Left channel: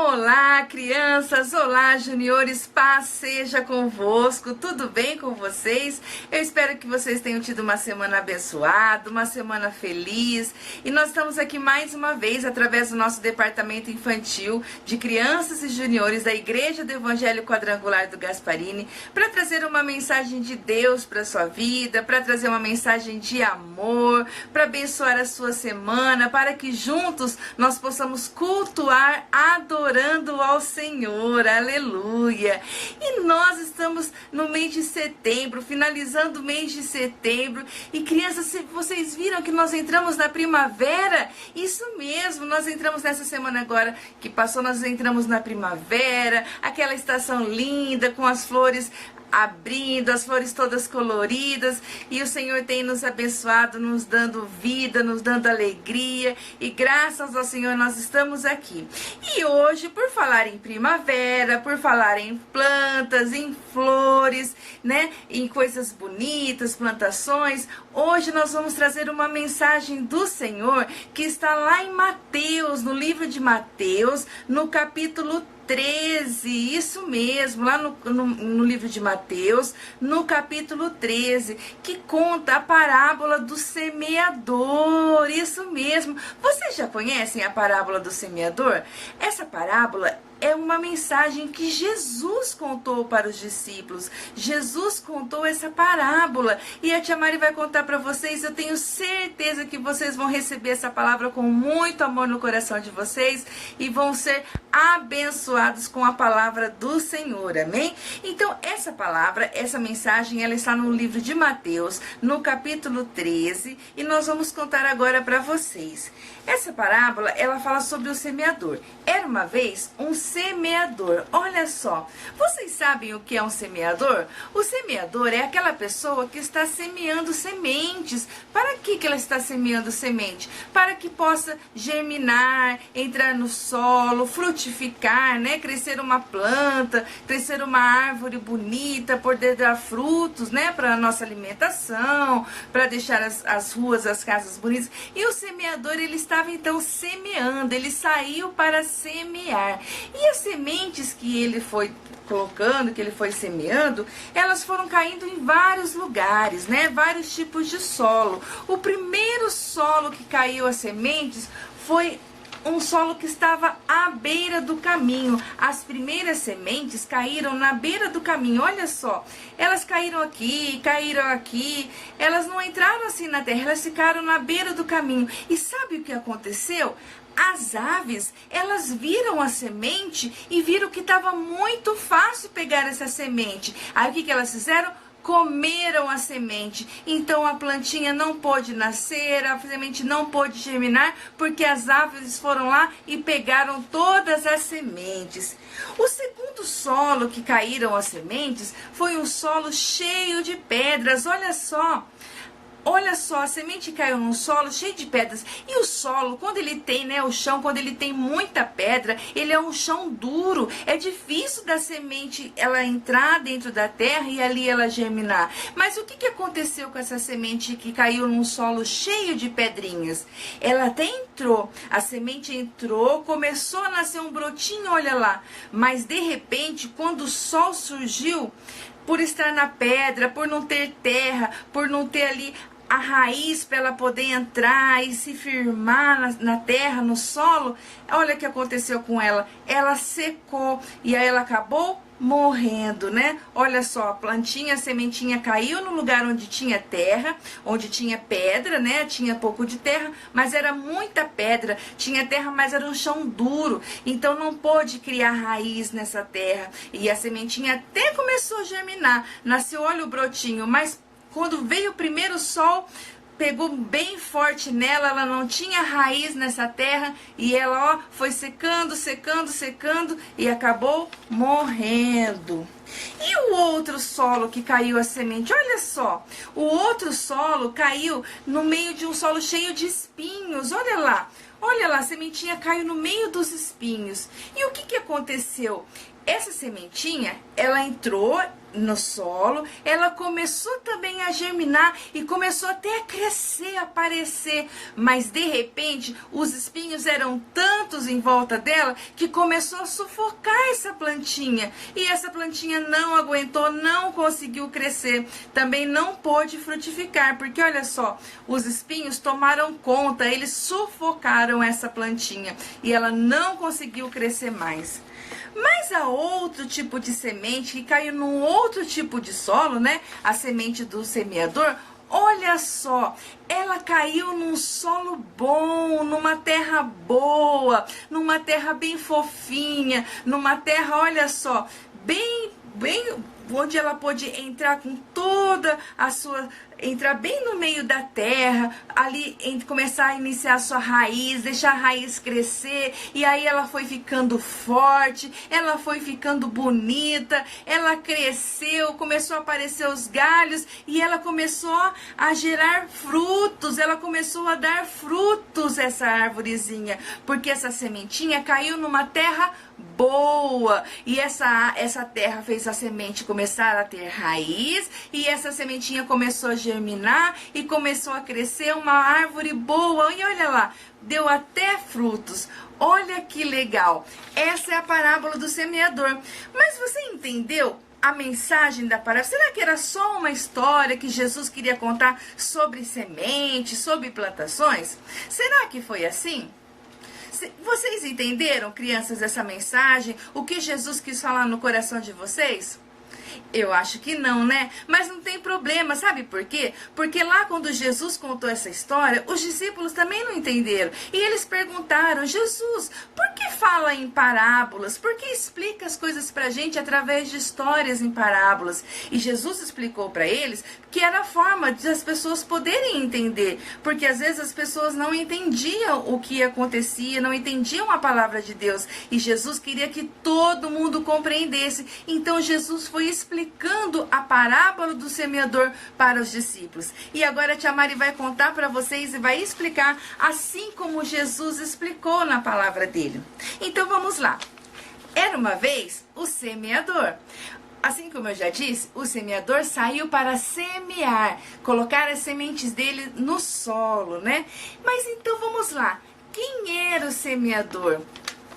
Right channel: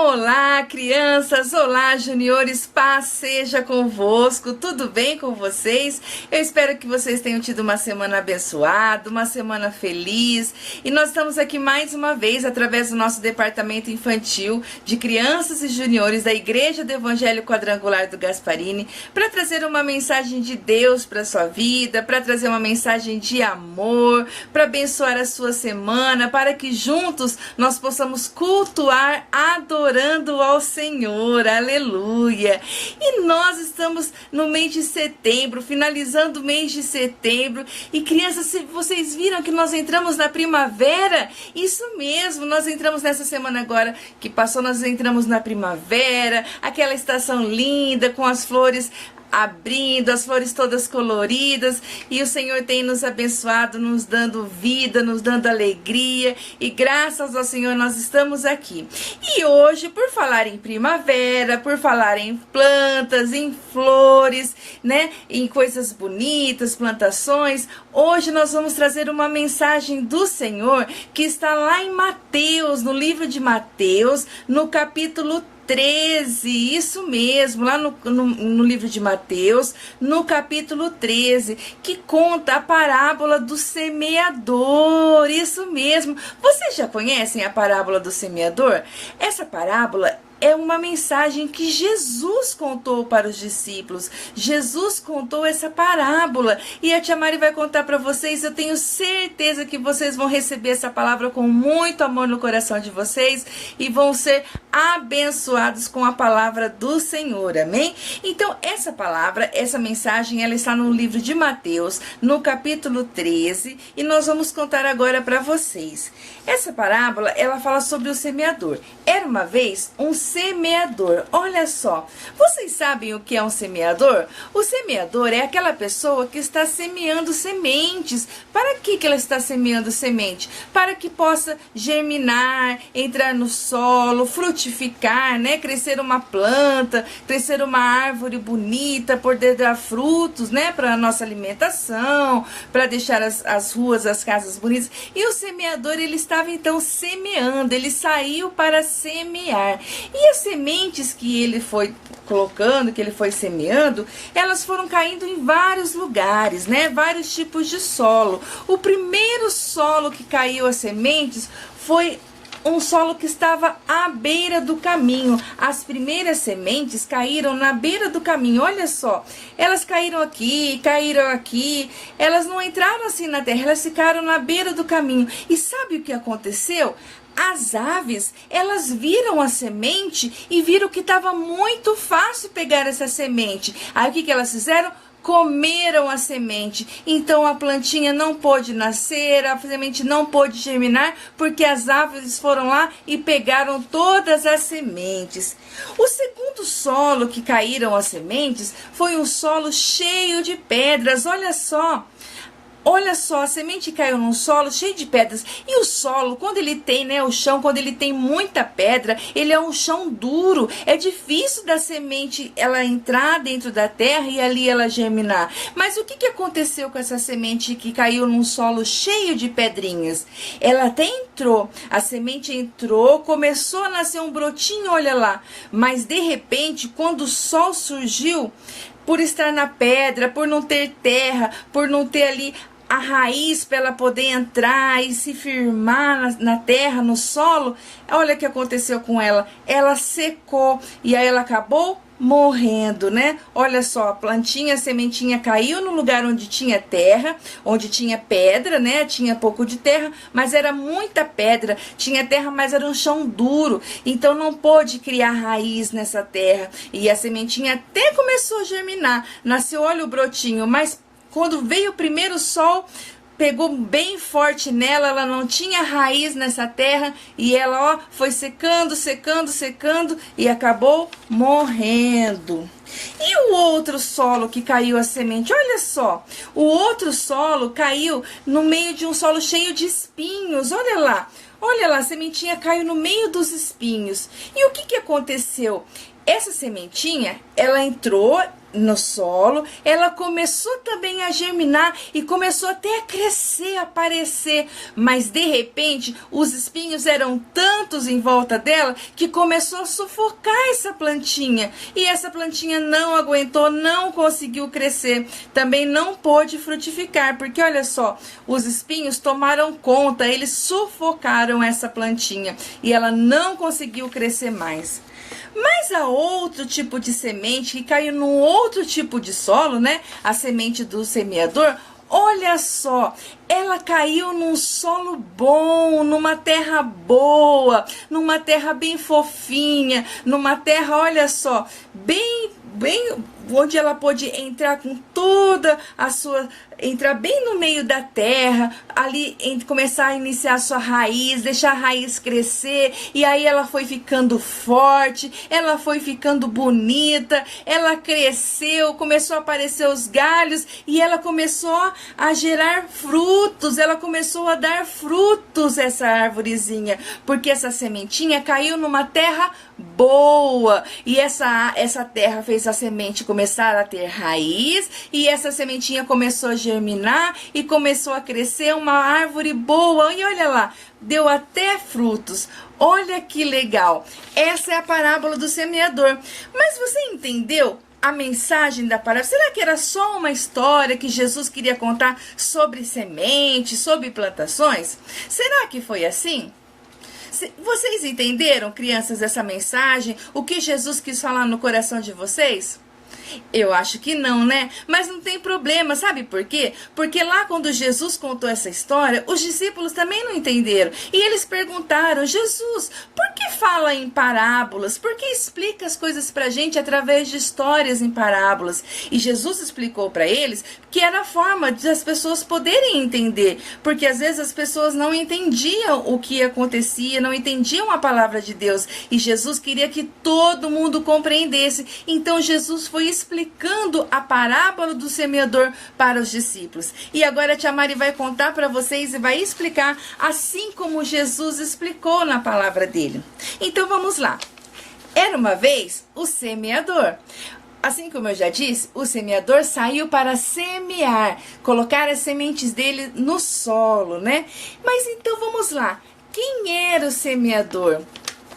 Olá, crianças! Olá, juniores! Paz seja convosco! Tudo bem com vocês? Eu espero que vocês tenham tido uma semana abençoada, uma semana feliz. E nós estamos aqui mais uma vez, através do nosso departamento infantil de crianças e juniores da Igreja do Evangelho Quadrangular do Gasparini, para trazer uma mensagem de Deus para a sua vida, para trazer uma mensagem de amor, para abençoar a sua semana, para que juntos nós possamos cultuar, adorando ao Senhor, aleluia. E nós estamos no mês de setembro, finalizando o mês de setembro. E crianças, se vocês viram que nós entramos na primavera? Isso mesmo, nós entramos nessa semana agora que passou, nós entramos na primavera, aquela estação linda com as flores abrindo, as flores todas coloridas, e o Senhor tem nos abençoado, nos dando vida, nos dando alegria, e graças ao Senhor nós estamos aqui. E hoje, por falar em primavera, por falar em plantas, em flores, né, em coisas bonitas, plantações, hoje nós vamos trazer uma mensagem do Senhor que está lá em Mateus, no livro de Mateus, no capítulo 13, isso mesmo, lá no livro de Mateus, no capítulo 13, que conta a parábola do semeador, isso mesmo. Vocês já conhecem a parábola do semeador? Essa parábola é uma mensagem que Jesus contou para os discípulos. Jesus contou essa parábola. E a Tia Mari vai contar para vocês. Eu tenho certeza que vocês vão receber essa palavra com muito amor no coração de vocês. E vão ser abençoados com a palavra do Senhor. Amém? Então, essa palavra, essa mensagem, ela está no livro de Mateus, no capítulo 13. E nós vamos contar agora para vocês. Essa parábola, ela fala sobre o semeador. Era uma vez um semeador. Olha só, vocês sabem o que é um semeador? O semeador é aquela pessoa que está semeando sementes. Para que ela está semeando semente? Para que possa germinar, entrar no solo, frutificar, né? Crescer uma planta, crescer uma árvore bonita, poder dar frutos, né? Para a nossa alimentação, para deixar as ruas, as casas bonitas. E o semeador, ele estava então semeando, ele saiu para semear. E as sementes que ele foi colocando, que ele foi semeando, elas foram caindo em vários lugares, né? Vários tipos de solo. O primeiro solo que caiu as sementes foi um solo que estava à beira do caminho. As primeiras sementes caíram na beira do caminho. Olha só, elas caíram aqui, elas não entraram assim na terra, elas ficaram na beira do caminho. E sabe o que aconteceu? As aves, elas viram a semente e viram que estava muito fácil pegar essa semente. Aí o que elas fizeram? Comeram a semente. Então a plantinha não pôde nascer, a semente não pôde germinar, porque as aves foram lá e pegaram todas as sementes. O segundo solo que caíram as sementes foi um solo cheio de pedras. Olha só. Olha só, a semente caiu num solo cheio de pedras. E o solo, quando ele tem, né, o chão, quando ele tem muita pedra, ele é um chão duro. É difícil da semente ela entrar dentro da terra e ali ela germinar. Mas o que aconteceu com essa semente que caiu num solo cheio de pedrinhas? Ela até entrou, a semente entrou, começou a nascer um brotinho, olha lá. Mas de repente, quando o sol surgiu, por estar na pedra, por não ter terra, por não ter ali a raiz para ela poder entrar e se firmar na terra, no solo, olha o que aconteceu com ela. Ela secou e aí ela acabou morrendo, né? Olha só, a plantinha, a sementinha caiu no lugar onde tinha terra, onde tinha pedra, né? Tinha pouco de terra, mas era muita pedra. Tinha terra, mas era um chão duro. Então não pôde criar raiz nessa terra. E a sementinha até começou a germinar. Nasceu, olha o brotinho, mas quando veio o primeiro sol, pegou bem forte nela, ela não tinha raiz nessa terra e ela, ó, foi secando, secando, secando e acabou morrendo. E o outro solo que caiu a semente, olha só, o outro solo caiu no meio de um solo cheio de espinhos, olha lá, a sementinha caiu no meio dos espinhos. E o que aconteceu? essa sementinha, ela entrou no solo, ela começou também a germinar e começou até a crescer, a aparecer, mas de repente os espinhos eram tantos em volta dela que começou a sufocar essa plantinha, e essa plantinha não aguentou, não conseguiu crescer, também não pôde frutificar, porque olha só, os espinhos tomaram conta, eles sufocaram essa plantinha e ela não conseguiu crescer mais. Mas há outro tipo de semente que caiu num outro tipo de solo, né? A semente do semeador. Olha só, ela caiu num solo bom, numa terra boa, numa terra bem fofinha, numa terra, olha só, bem onde ela pôde entrar com toda a sua, entrar bem no meio da terra, ali começar a iniciar a sua raiz, deixar a raiz crescer, e aí ela foi ficando forte, ela foi ficando bonita, ela cresceu, começou a aparecer os galhos, e ela começou a gerar frutos, ela começou a dar frutos, essa árvorezinha, porque essa sementinha caiu numa terra boa, e essa terra fez a semente começar a ter raiz, e essa sementinha começou a germinar e começou a crescer uma árvore boa, e olha lá, deu até frutos. Olha que legal. Essa é a parábola do semeador. Mas você entendeu a mensagem da parábola? Será que era só uma história que Jesus queria contar sobre sementes, sobre plantações? Será que foi assim? Vocês entenderam, crianças, essa mensagem? O que Jesus quis falar no coração de vocês? Eu acho que não, né? Mas não tem problema, sabe por quê? Porque lá quando Jesus contou essa história, os discípulos também não entenderam. E eles perguntaram: Jesus, por que fala em parábolas? Por que explica as coisas pra gente através de histórias em parábolas? E Jesus explicou pra eles que era a forma de as pessoas poderem entender. Porque às vezes as pessoas não entendiam o que acontecia, não entendiam a palavra de Deus. E Jesus queria que todo mundo compreendesse. Então Jesus foi explicando a parábola do semeador para os discípulos. E agora a tia Mari vai contar para vocês e vai explicar assim como Jesus explicou na palavra dele. Então vamos lá. Era uma vez o semeador. Assim como eu já disse, o semeador saiu para semear, colocar as sementes dele no solo, né? Mas então vamos lá. Quem era o semeador?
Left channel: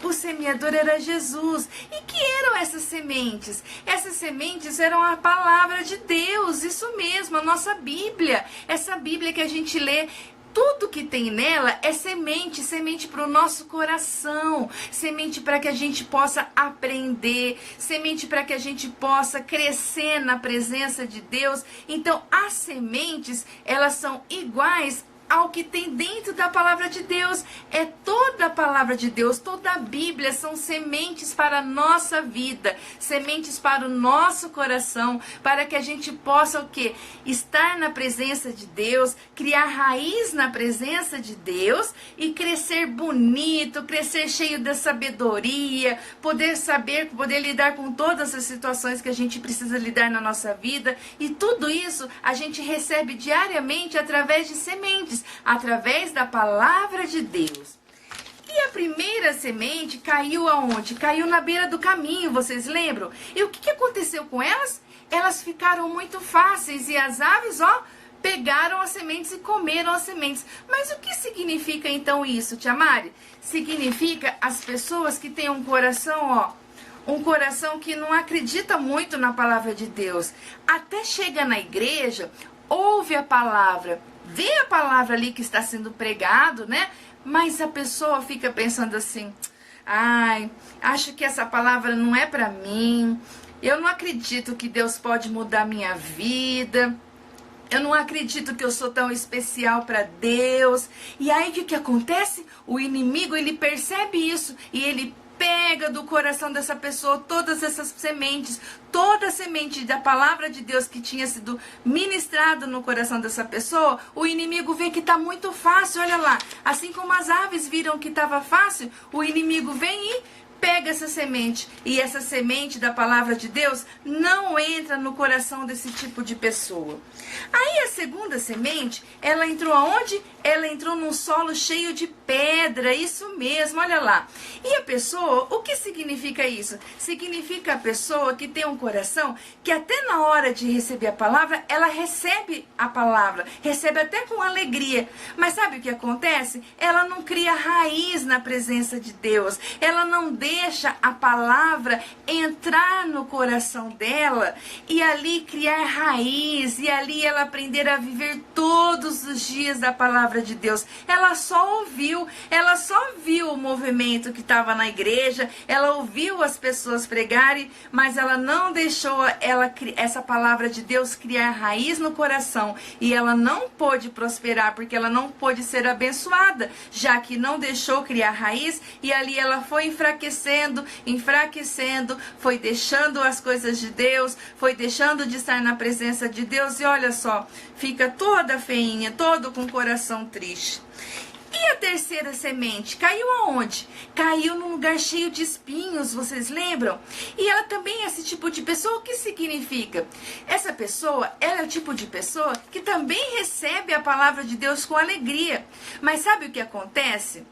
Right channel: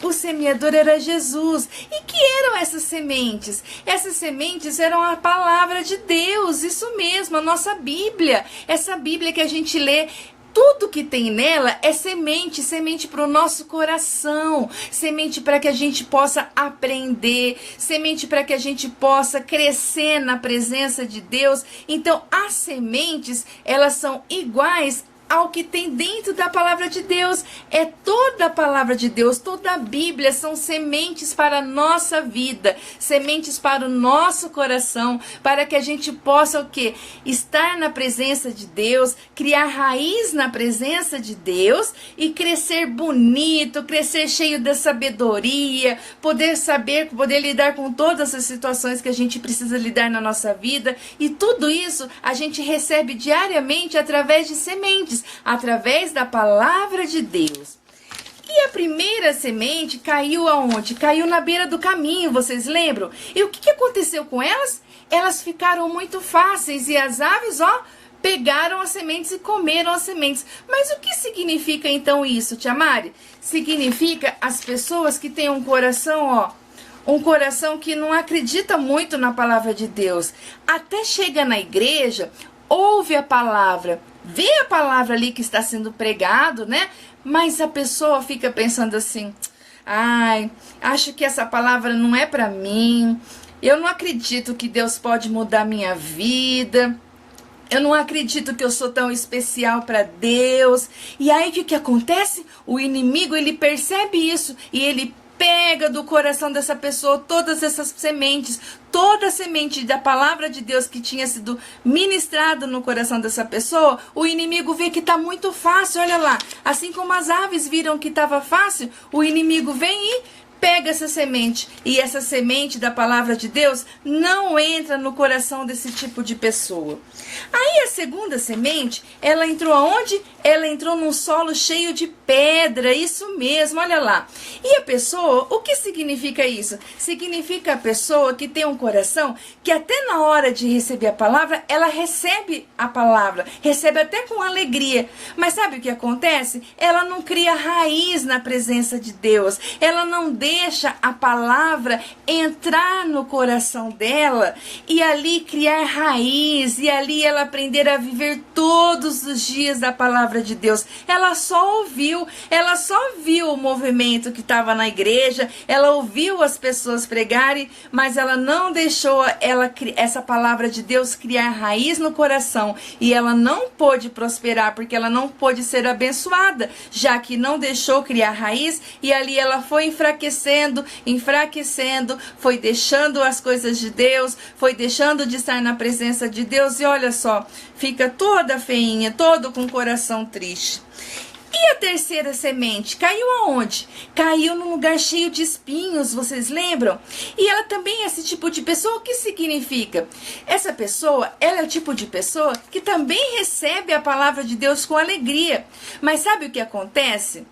O semeador era Jesus. E que eram essas sementes? Essas sementes eram a palavra de Deus, isso mesmo, a nossa Bíblia. Essa Bíblia que a gente lê, tudo que tem nela é semente, semente para o nosso coração, semente para que a gente possa aprender, semente para que a gente possa crescer na presença de Deus. Então, as sementes, elas são iguais ao que tem dentro da palavra de Deus. É toda a palavra de Deus, toda a Bíblia são sementes para a nossa vida, sementes para o nosso coração, para que a gente possa o quê? Estar na presença de Deus, criar raiz na presença de Deus e crescer bonito, crescer cheio de sabedoria, poder saber, poder lidar com todas as situações que a gente precisa lidar na nossa vida, e tudo isso a gente recebe diariamente através de sementes, através da palavra de Deus. E a primeira semente caiu aonde? Caiu na beira do caminho, vocês lembram? E o que aconteceu com elas? Elas ficaram muito fáceis e as aves, pegaram as sementes e comeram as sementes. Mas o que significa então isso, tia Mari? Significa as pessoas que têm um coração, um coração que não acredita muito na palavra de Deus. Até chega na igreja, ouve a palavra, vê a palavra ali que está sendo pregado, né? Mas a pessoa fica pensando assim: ai, acho que essa palavra não é para mim. Eu não acredito que Deus pode mudar minha vida. Eu não acredito que eu sou tão especial para Deus. E aí o que acontece? O inimigo, ele percebe isso e ele pega do coração dessa pessoa todas essas sementes, toda a semente da palavra de Deus que tinha sido ministrada no coração dessa pessoa. O inimigo vê que está muito fácil, olha lá. Assim como as aves viram que estava fácil, o inimigo vem e pega essa semente e essa semente da palavra de Deus não entra no coração desse tipo de pessoa. Aí a segunda semente, ela entrou aonde? Ela entrou num solo cheio de pedra, isso mesmo, olha lá. E a pessoa, o que significa isso? Significa a pessoa que tem um coração que até na hora de receber a palavra, ela recebe a palavra, recebe até com alegria. Mas sabe o que acontece? Ela não cria raiz na presença de Deus, ela não deixa a palavra entrar no coração dela e ali criar raiz, e ali ela aprender a viver todos os dias da palavra de Deus. Ela só viu o movimento que estava na igreja, ela ouviu as pessoas pregarem, mas ela não deixou essa palavra de Deus criar raiz no coração, e ela não pôde prosperar, porque ela não pôde ser abençoada, já que não deixou criar raiz, e ali ela foi enfraquecendo, foi deixando as coisas de Deus, foi deixando de estar na presença de Deus, e olha só, fica toda feinha, todo com o coração triste. E a terceira semente caiu aonde? Caiu num lugar cheio de espinhos, vocês lembram? E ela também é esse tipo de pessoa. O que significa? Essa pessoa, ela é o tipo de pessoa que também recebe a palavra de Deus com alegria. Mas sabe o que acontece?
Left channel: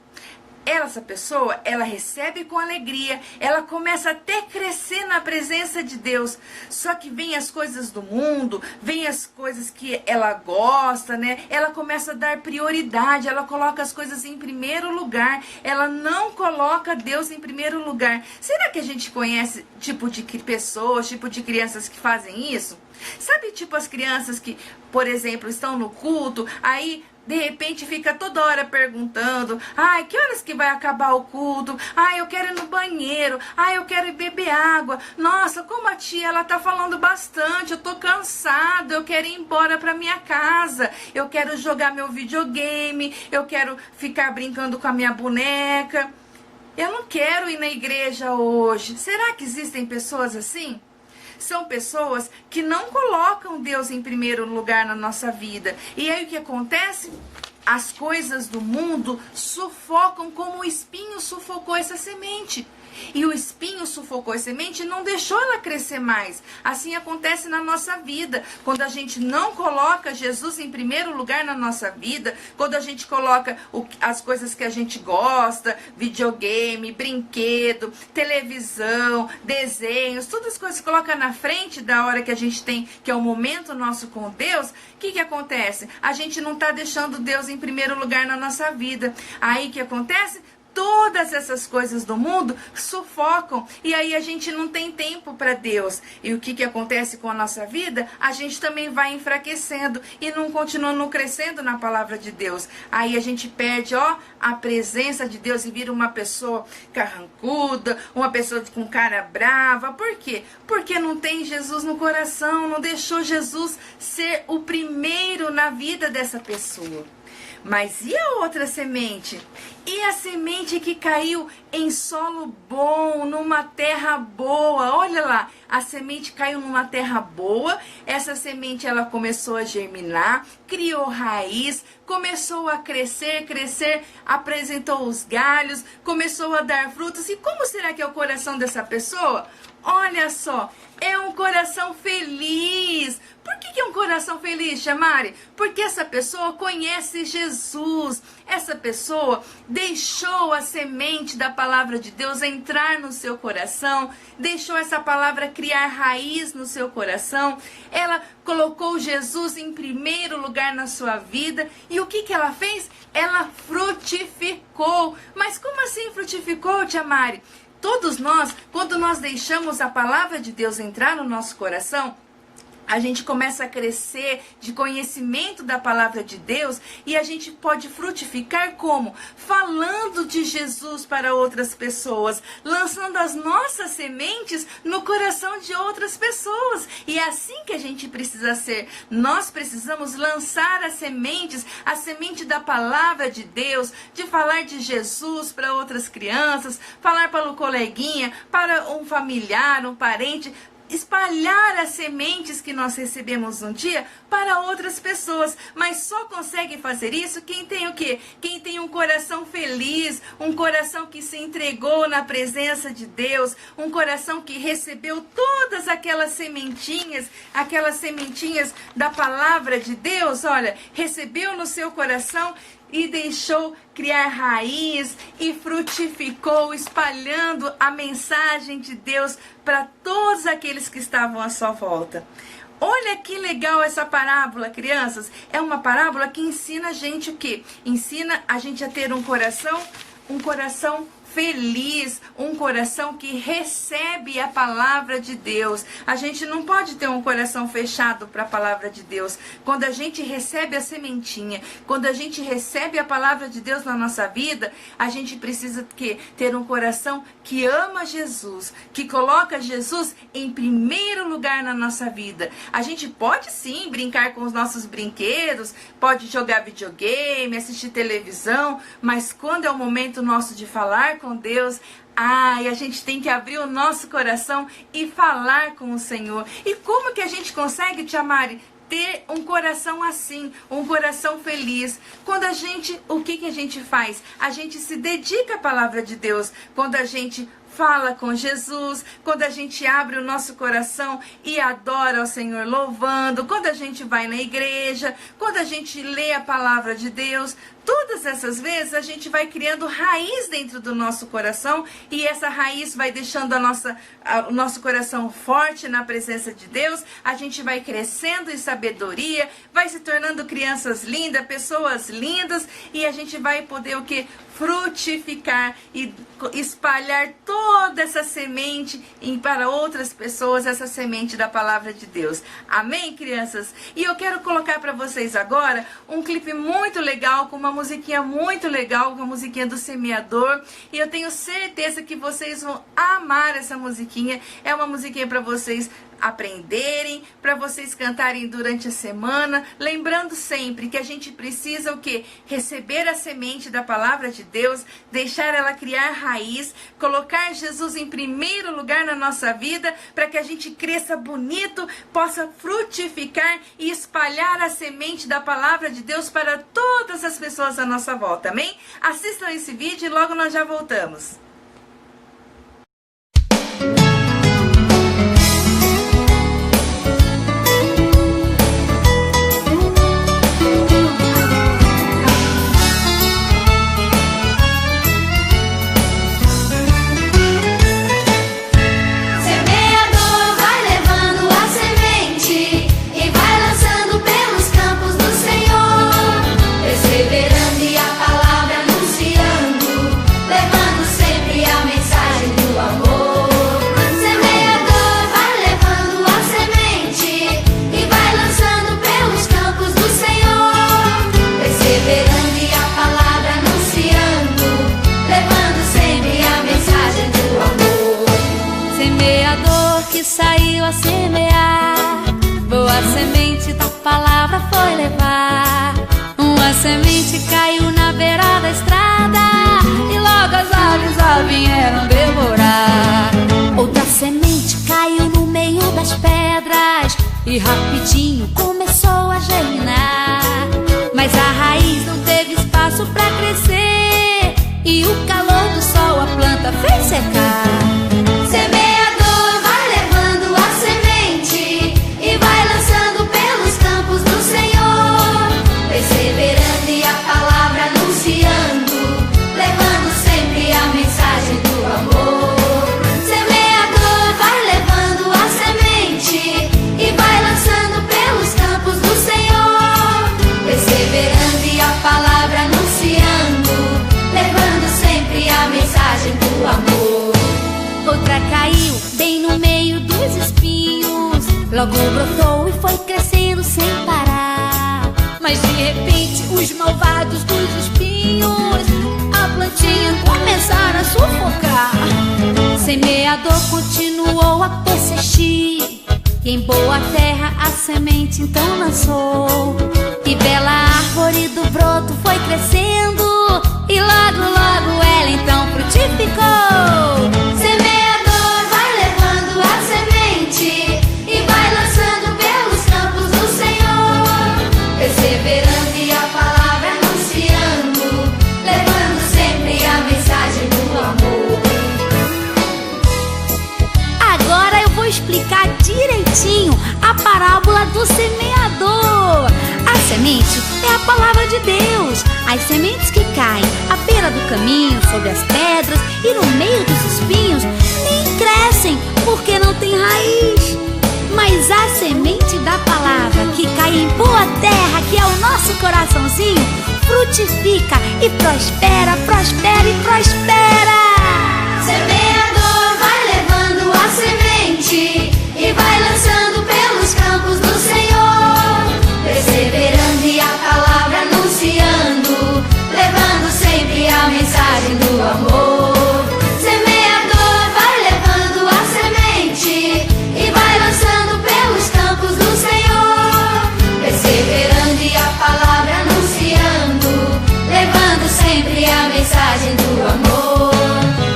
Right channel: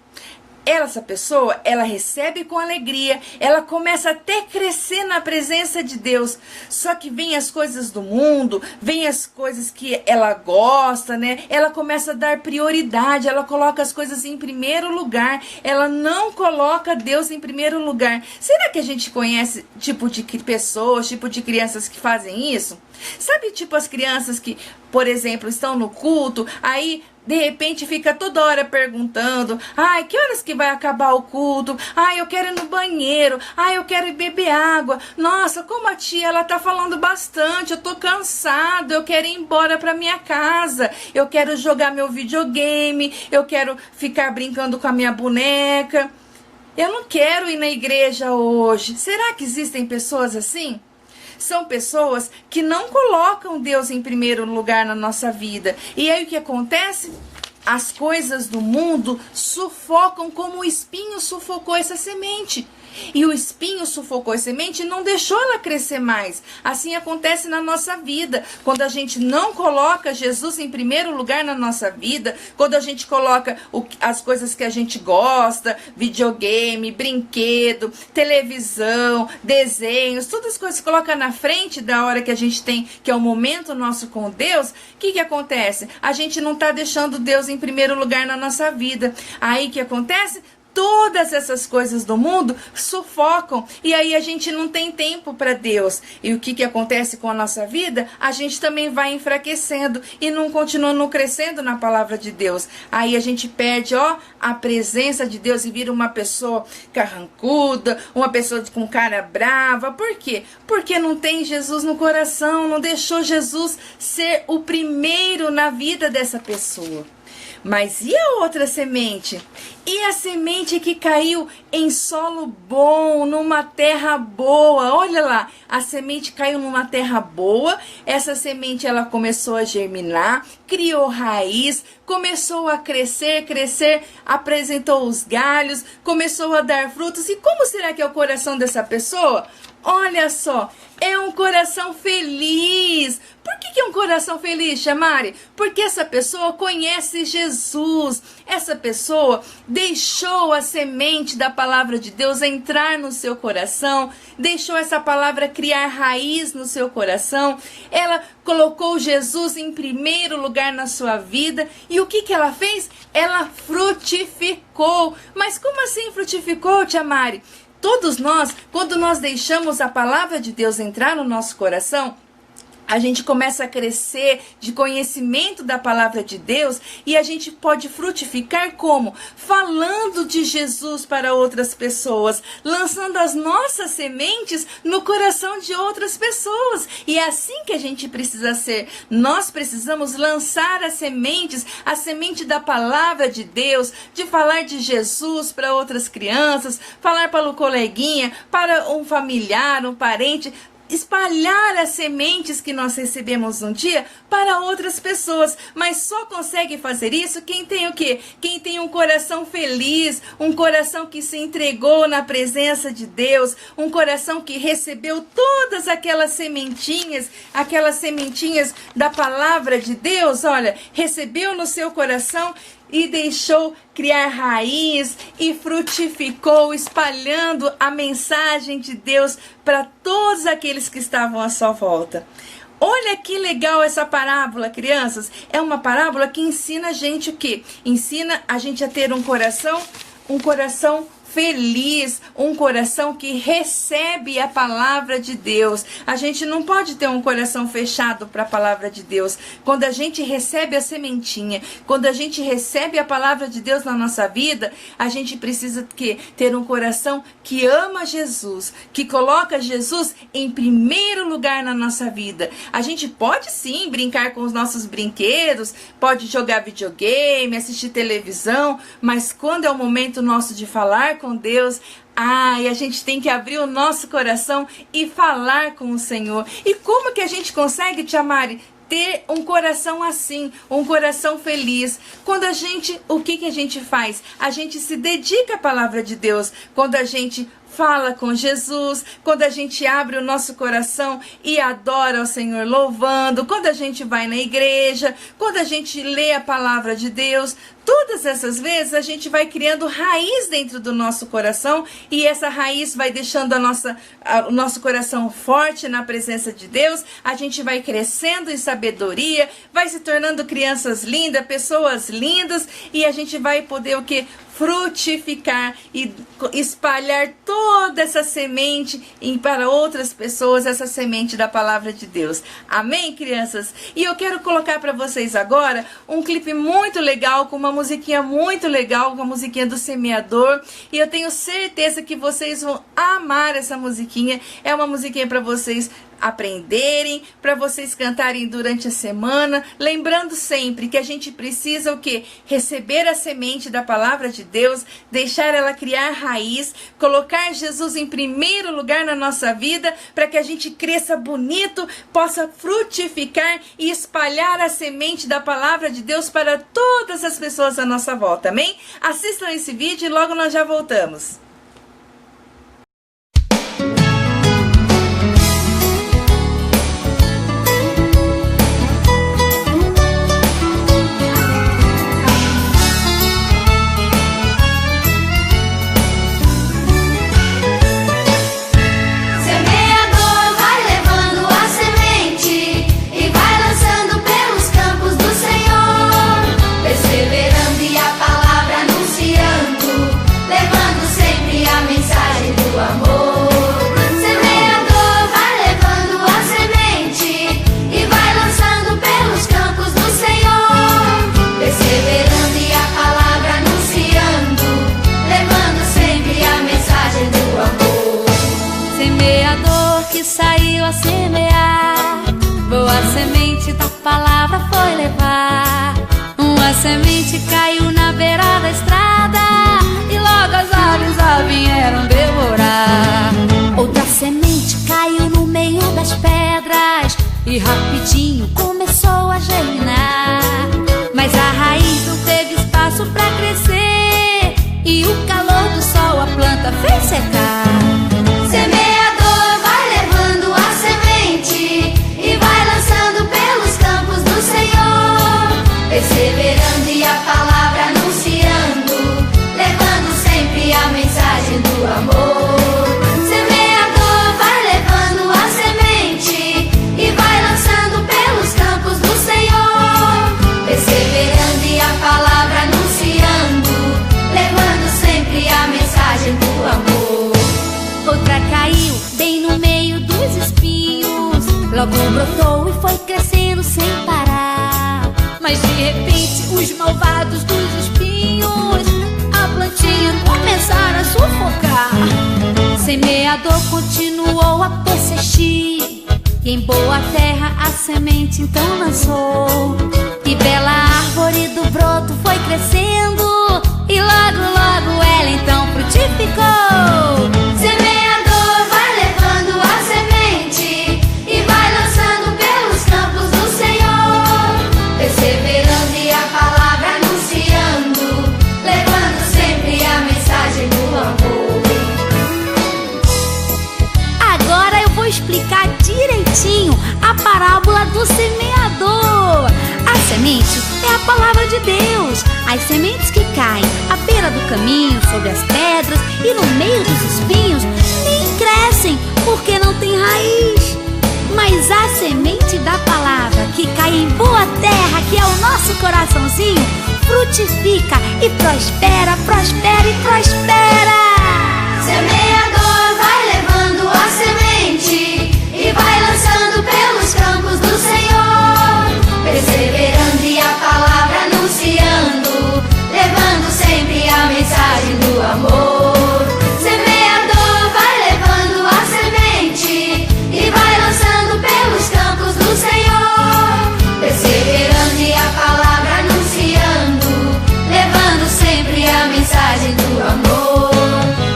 Essa pessoa, ela recebe com alegria, ela começa até a crescer na presença de Deus, só que vem as coisas do mundo, vem as coisas que ela gosta, né? Ela começa a dar prioridade, ela coloca as coisas em primeiro lugar, ela não coloca Deus em primeiro lugar. Será que a gente conhece tipo de pessoas, tipo de crianças que fazem isso? Sabe, tipo as crianças que, por exemplo, estão no culto, aí de repente fica toda hora perguntando: ai, que horas que vai acabar o culto? Ai, eu quero ir no banheiro. Ai, eu quero ir beber água. Nossa, como a tia, ela tá falando bastante. Eu tô cansado. Eu quero ir embora pra minha casa. Eu quero jogar meu videogame. Eu quero ficar brincando com a minha boneca. Eu não quero ir na igreja hoje. Será que existem pessoas assim? São pessoas que não colocam Deus em primeiro lugar na nossa vida. E aí o que acontece? As coisas do mundo sufocam como o espinho sufocou essa semente. E o espinho sufocou a semente e não deixou ela crescer mais. Assim acontece na nossa vida. Quando a gente não coloca Jesus em primeiro lugar na nossa vida, quando a gente coloca as coisas que a gente gosta, videogame, brinquedo, televisão, desenhos, todas as coisas que coloca na frente da hora que a gente tem, que é o momento nosso com Deus, o que acontece? A gente não está deixando Deus em primeiro lugar na nossa vida. Aí o que acontece? Todas essas coisas do mundo sufocam, e aí a gente não tem tempo para Deus. E o que acontece com a nossa vida? A gente também vai enfraquecendo e não continua não crescendo na palavra de Deus. Aí a gente perde a presença de Deus e vira uma pessoa carrancuda, uma pessoa com cara brava. Por quê? Porque não tem Jesus no coração, não deixou Jesus ser o primeiro na vida dessa pessoa. Mas e a outra semente? E a semente que caiu em solo bom, numa terra boa? Olha lá, a semente caiu numa terra boa, essa semente ela começou a germinar, criou raiz, começou a crescer, apresentou os galhos, começou a dar frutos. E como será que é o coração dessa pessoa? Olha só, é um coração feliz. Por que é um coração feliz, Chamari? Porque essa pessoa conhece Jesus. Essa pessoa deixou a semente da palavra de Deus entrar no seu coração, deixou essa palavra criar raiz no seu coração. Ela colocou Jesus em primeiro lugar na sua vida. E o que ela fez? Ela frutificou. Mas como assim frutificou, Chamari? Todos nós, quando nós deixamos a palavra de Deus entrar no nosso coração, a gente começa a crescer de conhecimento da palavra de Deus, e a gente pode frutificar como? Falando de Jesus para outras pessoas, lançando as nossas sementes no coração de outras pessoas. E é assim que a gente precisa ser. Nós precisamos lançar as sementes, a semente da palavra de Deus, de falar de Jesus para outras crianças, falar para o coleguinha, para um familiar, um parente. espalhar as sementes que nós recebemos um dia para outras pessoas, mas só consegue fazer isso quem tem o quê? Quem tem um coração feliz, um coração que se entregou na presença de Deus, um coração que recebeu todas aquelas sementinhas da palavra de Deus, olha, recebeu no seu coração e deixou criar raiz e frutificou, espalhando a mensagem de Deus para todos aqueles que estavam à sua volta. Olha que legal essa parábola, crianças. É uma parábola que ensina a gente o quê? Ensina a gente a ter um coração feliz, um coração que recebe a palavra de Deus. A gente não pode ter um coração fechado para a palavra de Deus. Quando a gente recebe a sementinha, quando a gente recebe a palavra de Deus na nossa vida, a gente precisa ter um coração que ama Jesus, que coloca Jesus em primeiro lugar na nossa vida. A gente pode sim brincar com os nossos brinquedos, pode jogar videogame, assistir televisão, mas quando é o momento nosso de falar com Deus, e a gente tem que abrir o nosso coração e falar com o Senhor. E como que a gente consegue, Tia Mari, ter um coração assim, um coração feliz? Quando o que a gente faz? A gente se dedica à palavra de Deus. Quando a gente fala com Jesus, quando a gente abre o nosso coração e adora ao Senhor louvando, quando a gente vai na igreja, quando a gente lê a palavra de Deus, todas essas vezes a gente vai criando raiz dentro do nosso coração e essa raiz vai deixando o nosso coração forte na presença de Deus. A gente vai crescendo em sabedoria, vai se tornando crianças lindas, pessoas lindas, e a gente vai poder o quê? Frutificar e espalhar toda essa semente para outras pessoas, essa semente da palavra de Deus. Amém, crianças? E eu quero colocar para vocês agora um clipe muito legal, com uma musiquinha muito legal, uma musiquinha do Semeador, e eu tenho certeza que vocês vão amar essa musiquinha. É uma musiquinha para vocês aprenderem, para vocês cantarem durante a semana, lembrando sempre que a gente precisa o quê? Receber a semente da palavra de Deus, deixar ela criar raiz, colocar Jesus em primeiro lugar na nossa vida, para que a gente cresça bonito, possa frutificar e espalhar a semente da palavra de Deus para todas as pessoas à nossa volta, amém? Assistam esse vídeo e logo nós já voltamos. Saiu a semear, boa semente da palavra foi levar. Uma semente caiu na beira da estrada e logo as aves a vieram devorar. Outra semente caiu no meio das pedras e rapidinho começou a germinar. Mas a raiz não teve espaço pra crescer e o calor do sol a planta fez secar. Perseverando e a palavra anunciando, levando sempre a mensagem do amor. Semeador vai levando a semente e vai lançando pelos campos do Senhor. Perseverando e a palavra anunciando, levando sempre a mensagem do amor. Outra caiu bem no meio dos espinhos, logo brotou e foi crescendo sem parar. Mas de repente os malvados dos espinhos a plantinha começaram a sufocar. Semeador continuou a persistir e em boa terra a semente então lançou. E bela árvore do broto foi crescendo e logo logo ela então frutificou. Semeador vai levando a semente parábola do semeador. A semente é a palavra de Deus. As sementes que caem à beira do caminho, sobre as pedras e no meio dos espinhos, nem crescem porque não tem raiz. Mas a semente da palavra que cai em boa terra, que é o nosso coraçãozinho, frutifica e prospera, prospera e prospera. Semeador vai levando a semente e vai lançando pelos campos do Senhor, perseverando e a palavra anunciando, levando sempre a mensagem do amor. Semeador vai levando a semente e vai lançando pelos campos do Senhor, perseverando e a palavra anunciando, levando sempre a mensagem do amor,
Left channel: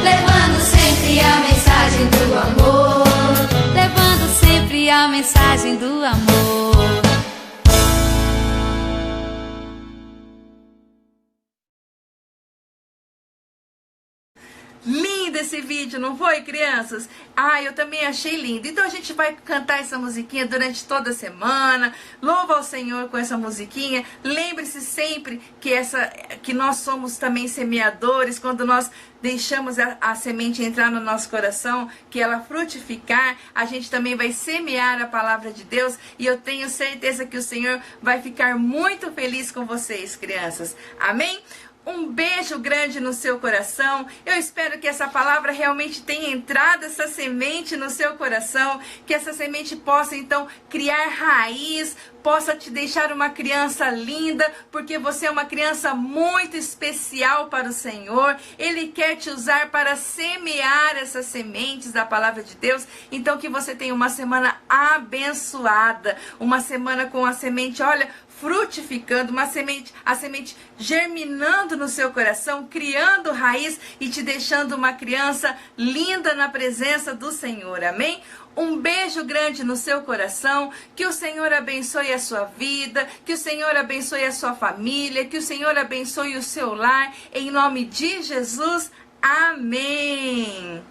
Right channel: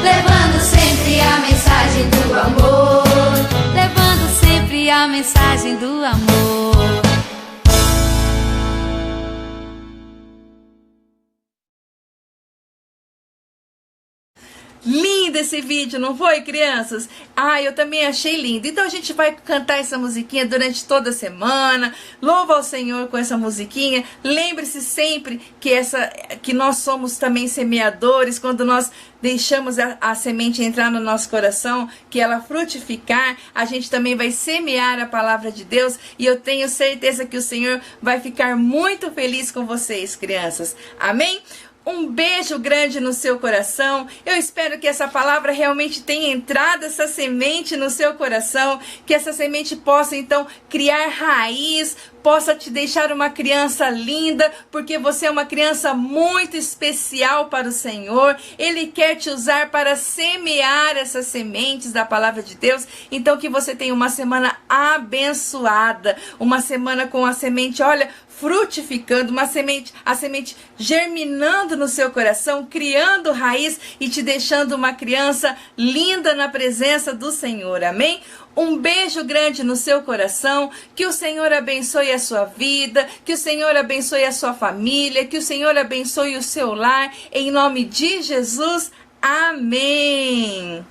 levando sempre a mensagem do amor, Levando sempre a mensagem do amor. Lindo esse vídeo, não foi, crianças? Eu também achei lindo. Então a gente vai cantar essa musiquinha durante toda a semana. Louva ao Senhor com essa musiquinha. Lembre-se sempre que nós somos também semeadores. Quando nós deixamos a semente entrar no nosso coração, que ela frutificar, a gente também vai semear a palavra de Deus. E eu tenho certeza que o Senhor vai ficar muito feliz com vocês, crianças. Amém? Um beijo grande no seu coração. Eu espero que essa palavra realmente tenha entrado, essa semente no seu coração, que essa semente possa então criar raiz, possa te deixar uma criança linda, porque você é uma criança muito especial para o Senhor. Ele quer te usar para semear essas sementes da palavra de Deus. Então que você tenha uma semana abençoada, uma semana com a semente, olha, frutificando, a semente germinando no seu coração, criando raiz e te deixando uma criança linda na presença do Senhor, amém? Um beijo grande no seu coração, que o Senhor abençoe a sua vida, que o Senhor abençoe a sua família, que o Senhor abençoe o seu lar, em nome de Jesus, amém!